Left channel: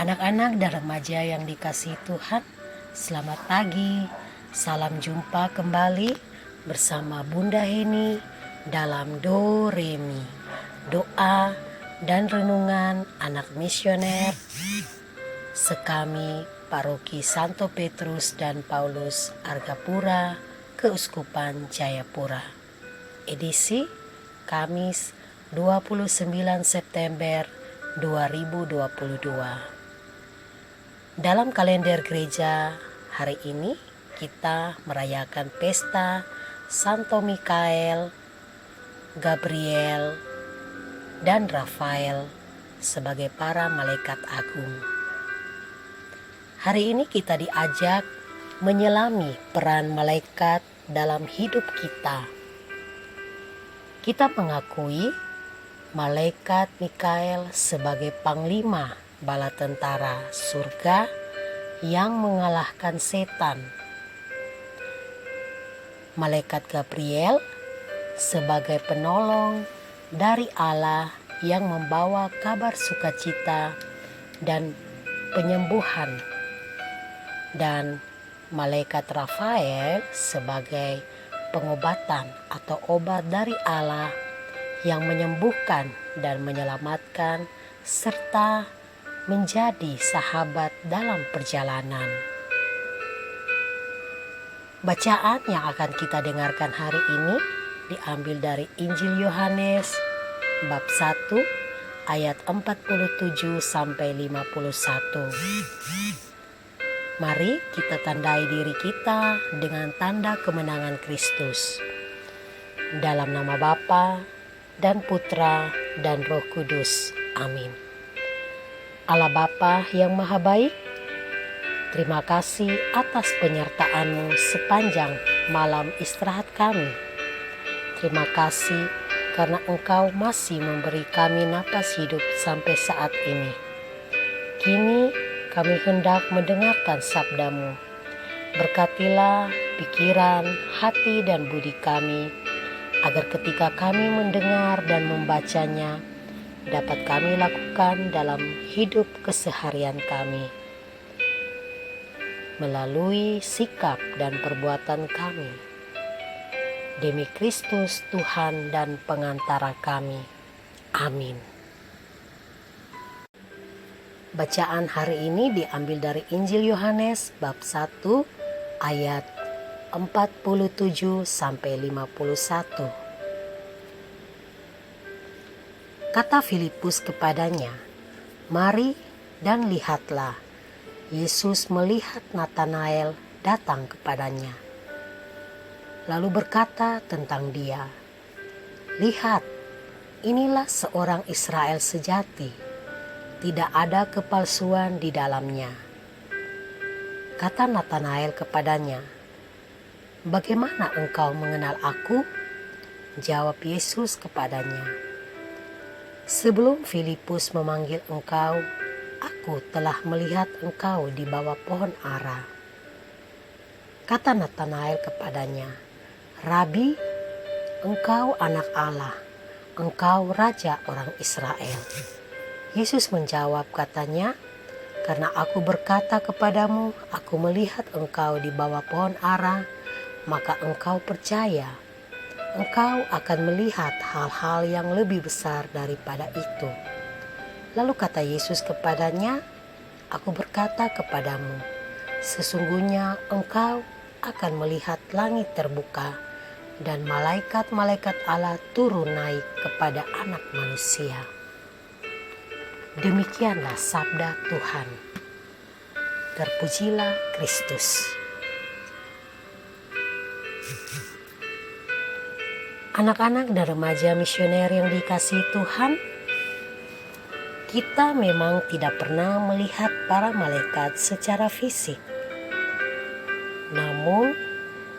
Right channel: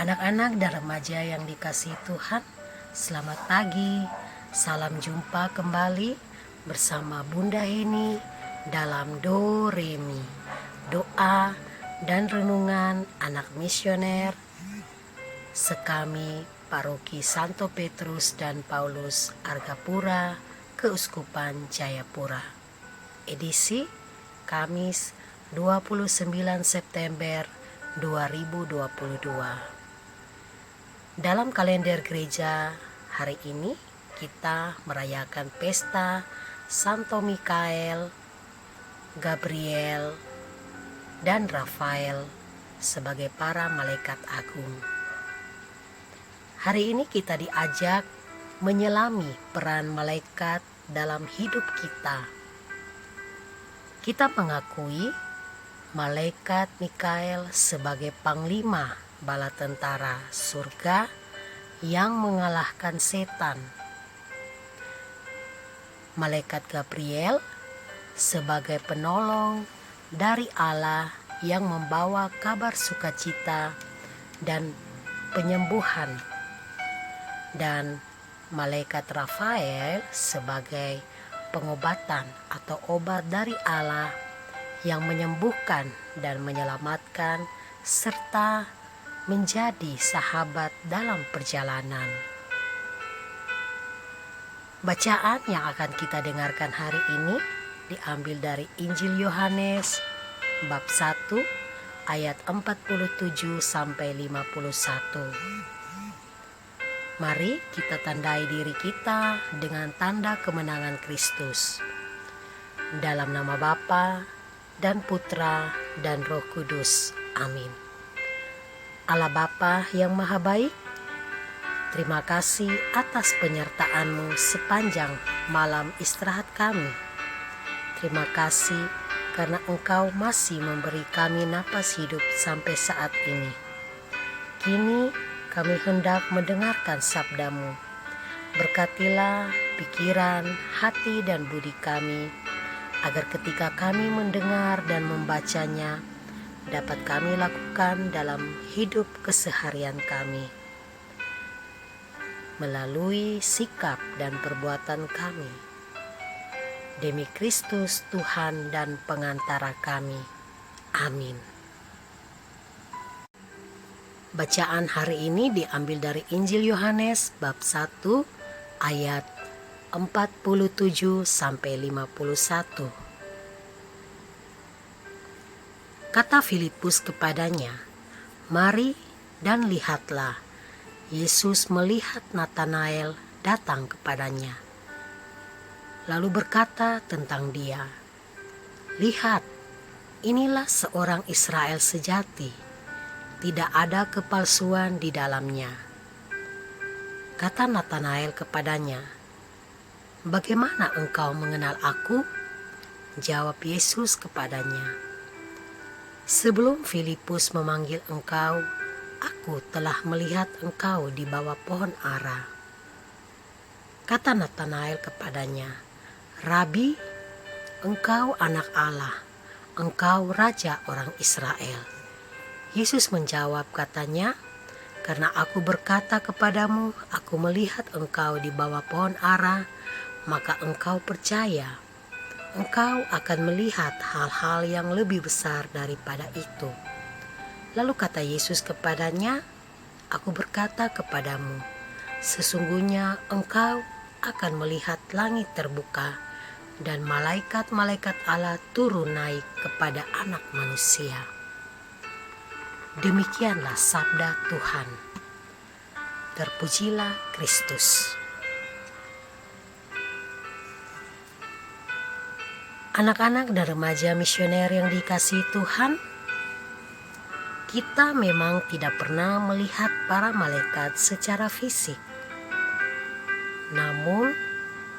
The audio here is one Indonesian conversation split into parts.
Anak-anak dan remaja yang dikasihi Tuhan, selamat pagi. Salam jumpa kembali bersama Bunda Heni dalam Do Re Mi, doa dan renungan anak misioner sekami Paroki Santo Petrus dan Paulus Argapura, Keuskupan Jayapura. Edisi Kamis 29 September 2022. Dalam kalender gereja hari ini kita merayakan pesta Santo Mikael, Gabriel, dan Rafael sebagai para malaikat agung. Hari ini kita diajak menyelami peran malaikat dalam hidup kita. Kita mengakui malaikat Mikael sebagai panglima bala tentara surga yang mengalahkan setan. Malaikat Gabriel sebagai penolong dari Allah yang membawa kabar sukacita dan penyembuhan. Dan malaikat Rafael sebagai pengobatan atau obat dari Allah yang menyembuhkan dan menyelamatkan serta menjadi sahabat dalam perjalanan. Bacaan yang akan kita dengarkan hari ini diambil dari Injil Yohanes bab 1 ayat 47 sampai 51. Mari kita tandai diri kita dengan tanda kemenangan Kristus. Dalam nama Bapa dan Putra dan Roh Kudus. Amin. Allah Bapa yang Maha Baik, terima kasih atas penyertaan-Mu sepanjang malam istirahat kami. Terima kasih karena Engkau masih memberi kami napas hidup sampai saat ini. Kini kami hendak mendengarkan sabda-Mu. Berkatilah pikiran, hati, dan budi kami, agar ketika kami mendengar dan membacanya, dapat kami lakukan dalam hidup keseharian kami, melalui sikap dan perbuatan kami. Demi Kristus Tuhan dan pengantara kami. Amin. Bacaan hari ini diambil dari Injil Yohanes bab 1 ayat 47 sampai 51. Kata Filipus kepadanya, "Mari dan lihatlah." Yesus melihat Natanael datang kepadanya, lalu berkata tentang dia, "Lihat, inilah seorang Israel sejati. Tidak ada kepalsuan di dalamnya." Kata Natanael kepadanya, "Bagaimana engkau mengenal aku?" Jawab Yesus kepadanya, "Sebelum Filipus memanggil engkau, aku telah melihat engkau di bawah pohon ara." Kata Natanael kepadanya, "Rabi, engkau anak Allah, engkau raja orang Israel." Yesus menjawab katanya, "Karena aku berkata kepadamu, aku melihat engkau di bawah pohon ara, maka engkau percaya. Engkau akan melihat hal-hal yang lebih besar daripada itu." Lalu kata Yesus kepadanya, "Aku berkata kepadamu, sesungguhnya engkau akan melihat langit terbuka dan malaikat-malaikat Allah turun naik kepada Anak Manusia." Demikianlah sabda Tuhan. Terpujilah Kristus. Anak-anak dan remaja misioner yang dikasihi Tuhan, kita memang tidak pernah melihat para malaikat secara fisik. Namun,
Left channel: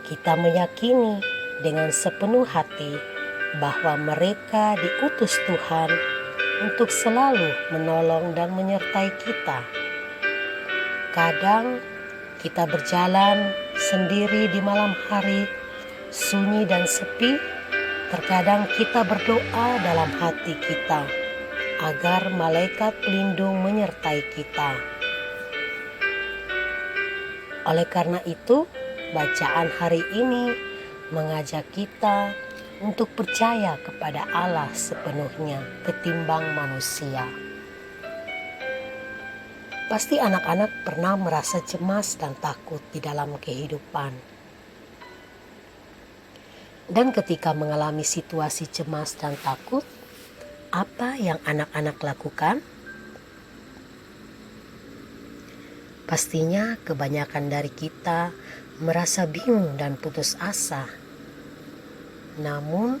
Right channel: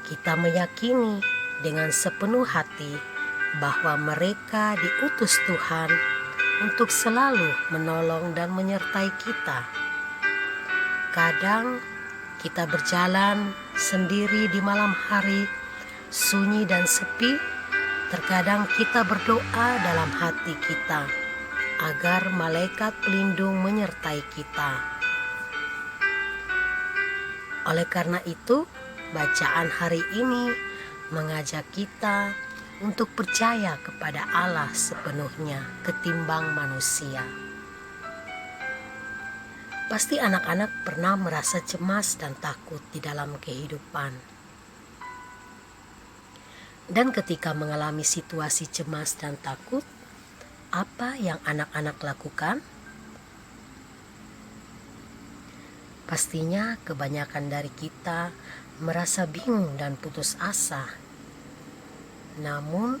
kita meyakini dengan sepenuh hati bahwa mereka diutus Tuhan untuk selalu menolong dan menyertai kita. Kadang kita berjalan sendiri di malam hari, sunyi dan sepi. Terkadang kita berdoa dalam hati kita, agar malaikat pelindung menyertai kita. Oleh karena itu, bacaan hari ini mengajak kita untuk percaya kepada Allah sepenuhnya ketimbang manusia. Pasti anak-anak pernah merasa cemas dan takut di dalam kehidupan. Dan ketika mengalami situasi cemas dan takut, apa yang anak-anak lakukan? Pastinya kebanyakan dari kita merasa bingung dan putus asa. Namun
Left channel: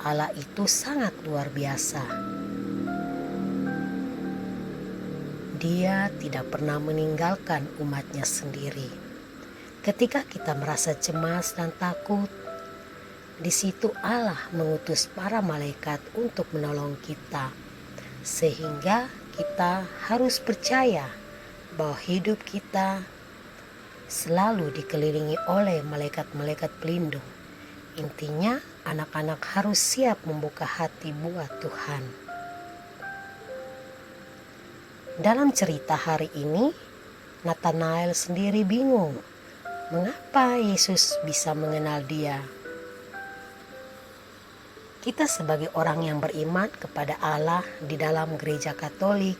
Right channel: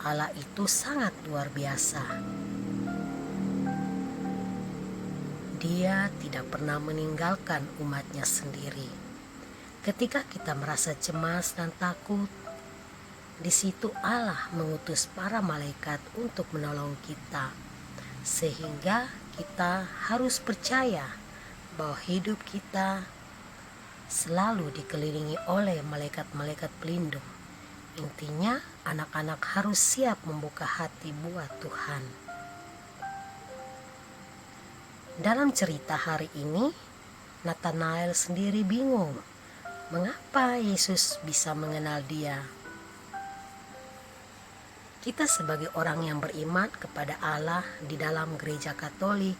Allah itu sangat luar biasa. Dia tidak pernah meninggalkan umatnya sendiri. Ketika kita merasa cemas dan takut, di situ Allah mengutus para malaikat untuk menolong kita. Sehingga kita harus percaya bahwa hidup kita selalu dikelilingi oleh malaikat-malaikat pelindung. Intinya, anak-anak harus siap membuka hati buat Tuhan. Dalam cerita hari ini, Nathanael sendiri bingung mengapa Yesus bisa mengenal dia. Kita sebagai orang yang beriman kepada Allah di dalam gereja Katolik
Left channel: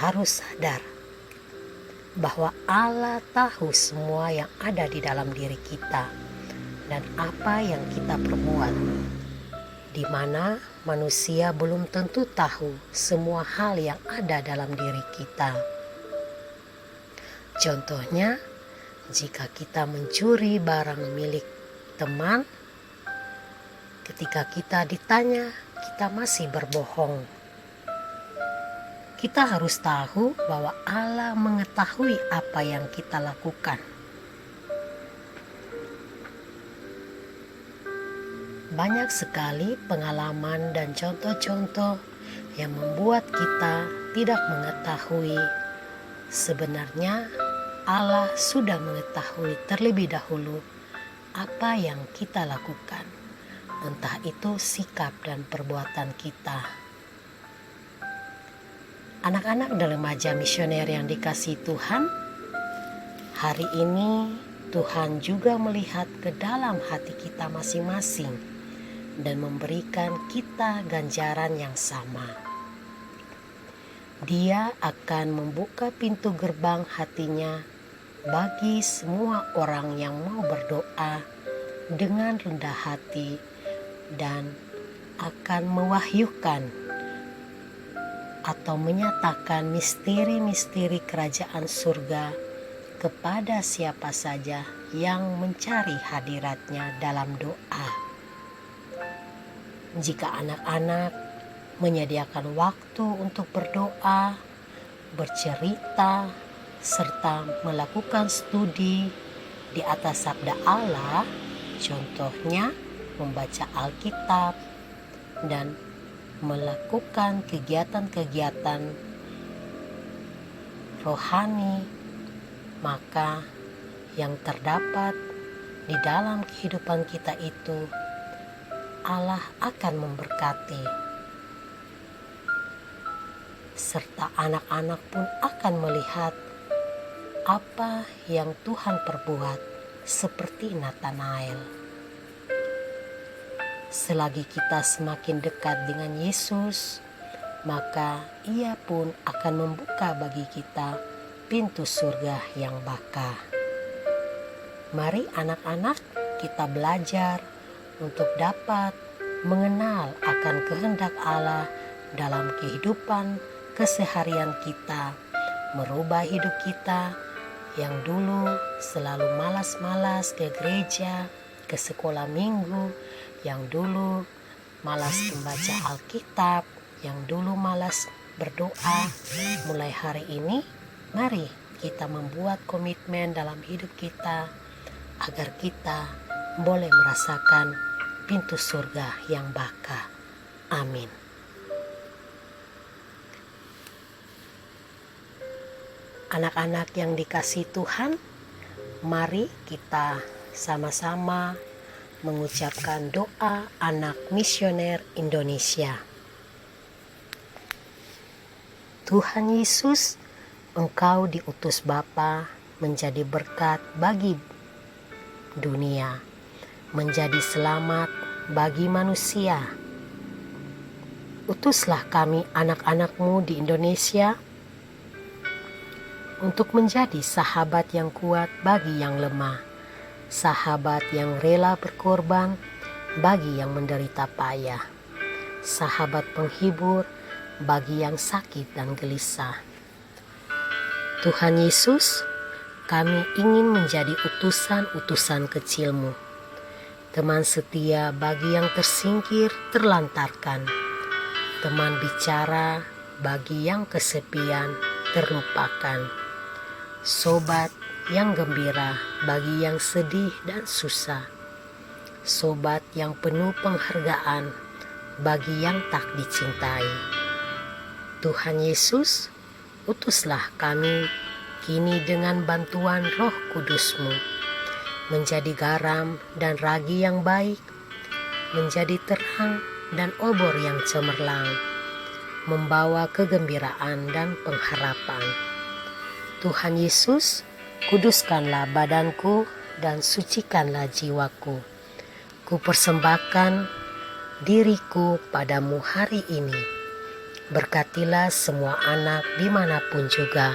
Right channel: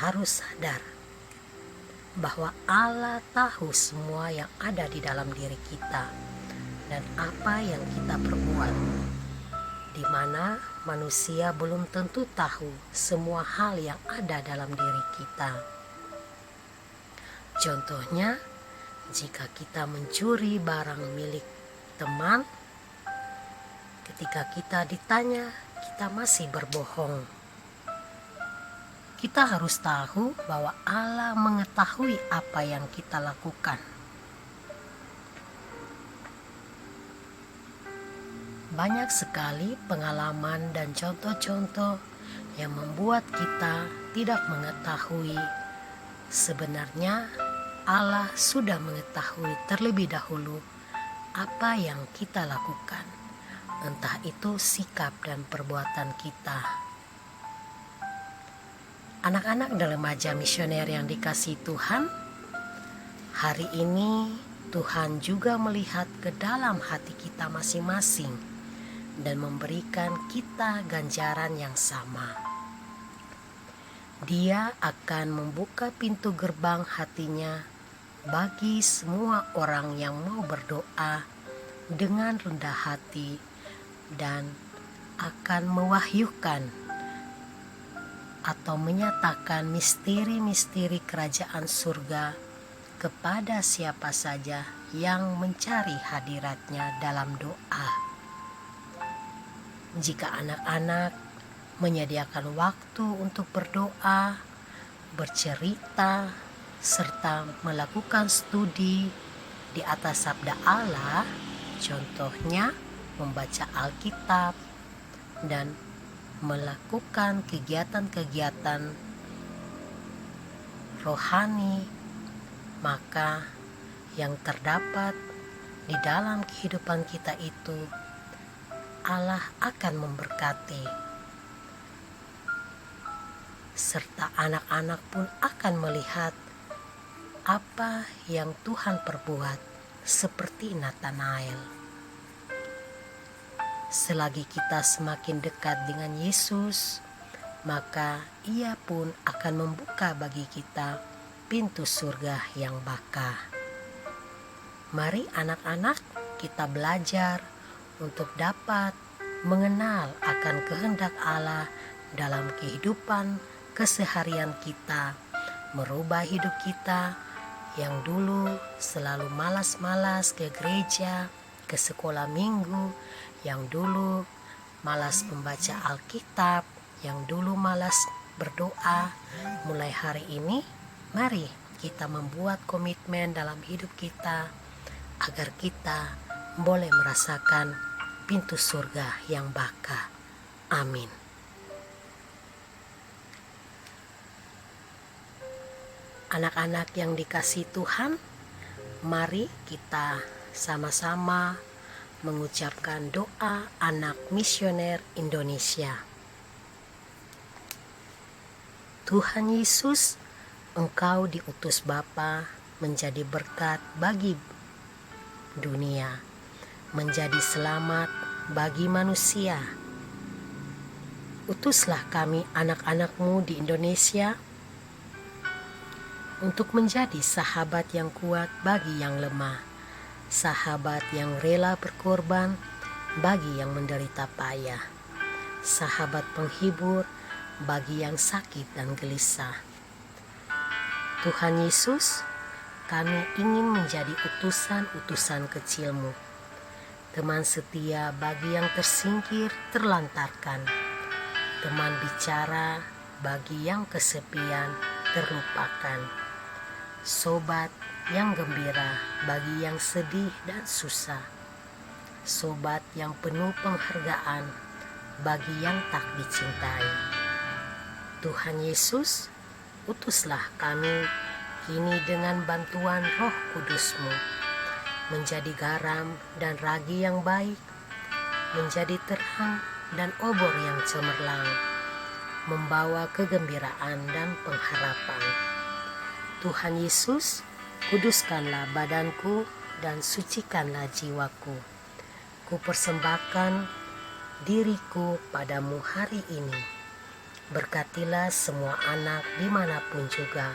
harus sadar bahwa Allah tahu semua yang ada di dalam diri kita dan apa yang kita perbuat, di mana manusia belum tentu tahu semua hal yang ada dalam diri kita. Contohnya, jika kita mencuri barang milik teman, ketika kita ditanya, kita masih berbohong. Kita harus tahu bahwa Allah mengetahui apa yang kita lakukan. Banyak sekali pengalaman dan contoh-contoh yang membuat kita tidak mengetahui sebenarnya Allah sudah mengetahui terlebih dahulu apa yang kita lakukan, entah itu sikap dan perbuatan kita. Anak-anak dan remaja misioner yang dikasihi Tuhan, hari ini Tuhan juga melihat ke dalam hati kita masing-masing dan memberikan kita ganjaran yang sama. Dia akan membuka pintu gerbang hatinya bagi semua orang yang mau berdoa dengan rendah hati dan akan mewahyukan atau menyatakan misteri-misteri kerajaan surga kepada siapa saja yang mencari hadiratnya dalam doa. Jika anak-anak menyediakan waktu untuk berdoa, bercerita, serta melakukan studi di atas sabda Allah, contohnya membaca Alkitab dan melakukan kegiatan-kegiatan rohani, maka yang terdapat di dalam kehidupan kita itu Allah akan memberkati, serta anak-anak pun akan melihat apa yang Tuhan perbuat seperti Nathanael. Selagi kita semakin dekat dengan Yesus, maka Ia pun akan membuka bagi kita pintu surga yang baka. Mari anak-anak, kita belajar untuk dapat mengenal akan kehendak Allah dalam kehidupan keseharian kita, merubah hidup kita yang dulu selalu malas-malas ke gereja, ke sekolah minggu, yang dulu malas membaca Alkitab, yang dulu malas berdoa. Mulai hari ini, mari kita membuat komitmen dalam hidup kita agar kita boleh merasakan pintu surga yang baka. Amin. Anak-anak yang dikasihi Tuhan, mari kita sama-sama mengucapkan doa anak misioner Indonesia. Tuhan Yesus, Engkau diutus Bapa menjadi berkat bagi dunia, menjadi selamat bagi manusia. Utuslah kami anak-anak-Mu di Indonesia untuk menjadi sahabat yang kuat bagi yang lemah, sahabat yang rela berkorban bagi yang menderita payah, sahabat penghibur bagi yang sakit dan gelisah. Tuhan Yesus, kami ingin menjadi utusan-utusan kecil-Mu, teman setia bagi yang tersingkir terlantarkan, teman bicara bagi yang kesepian terlupakan, sobat yang gembira bagi yang sedih dan susah, sobat yang penuh penghargaan bagi yang tak dicintai. Tuhan Yesus, utuslah kami kini dengan bantuan Roh Kudus-Mu, menjadi garam dan ragi yang baik, menjadi terang dan obor yang cemerlang, membawa kegembiraan dan pengharapan. Tuhan Yesus, kuduskanlah badanku dan sucikanlah jiwaku. Ku persembahkan diriku padamu hari ini. Berkatilah semua anak dimanapun juga.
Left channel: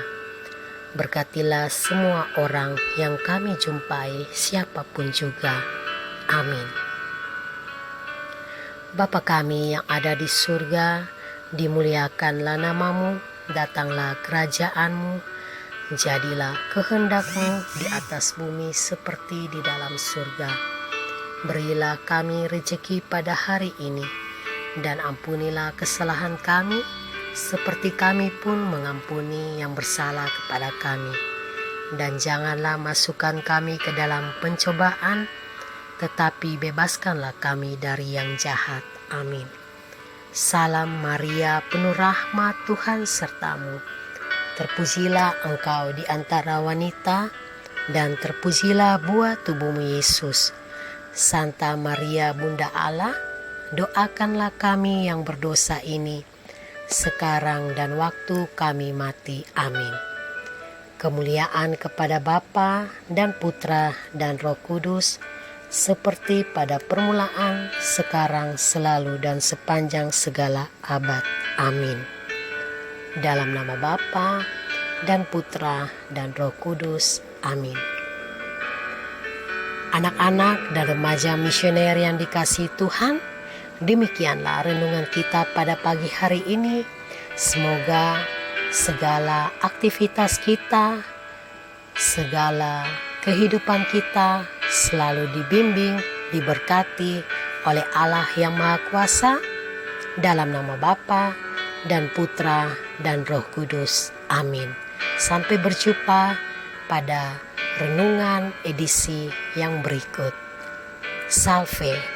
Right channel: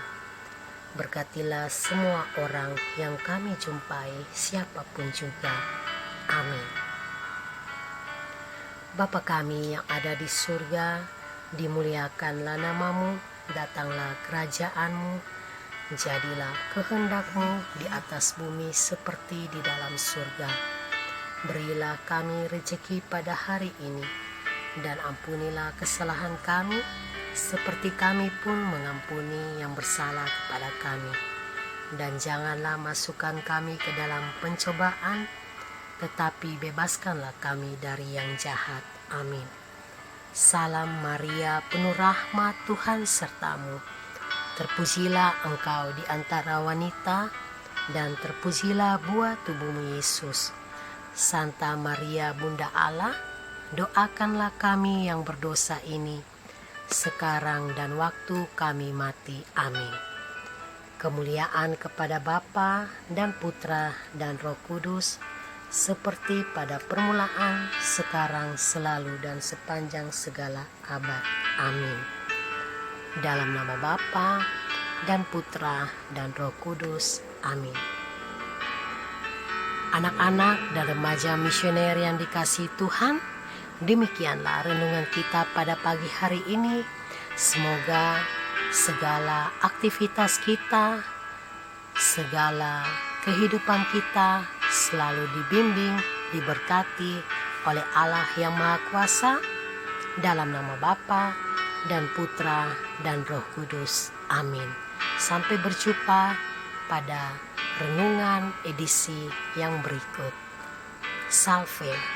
Berkatilah semua orang yang kami jumpai, siapapun juga. Amin. Bapa kami yang ada di surga, dimuliakanlah nama-Mu, datanglah kerajaan-Mu, jadilah kehendak-Mu di atas bumi seperti di dalam surga. Berilah kami rejeki pada hari ini, dan ampunilah kesalahan kami, seperti kami pun mengampuni yang bersalah kepada kami. Dan janganlah masukkan kami ke dalam pencobaan, tetapi bebaskanlah kami dari yang jahat. Amin. Salam Maria, penuh rahmat, Tuhan sertamu. Terpujilah engkau di antara wanita, dan terpujilah buah tubuhmu Yesus. Santa Maria, Bunda Allah, doakanlah kami yang berdosa ini, sekarang dan waktu kami mati. Amin. Kemuliaan kepada Bapa dan Putra dan Roh Kudus, seperti pada permulaan, sekarang, selalu, dan sepanjang segala abad. Amin. Dalam nama Bapa dan Putra dan Roh Kudus. Amin. Anak-anak dan remaja misioner yang dikasihi Tuhan, demikianlah renungan kita pada pagi hari ini. Semoga segala aktivitas kita, segala kehidupan kita selalu dibimbing, diberkati oleh Allah yang Maha Kuasa, dalam nama Bapa dan Putra dan Roh Kudus. Amin. Sampai berjumpa pada renungan edisi yang berikut. Salve.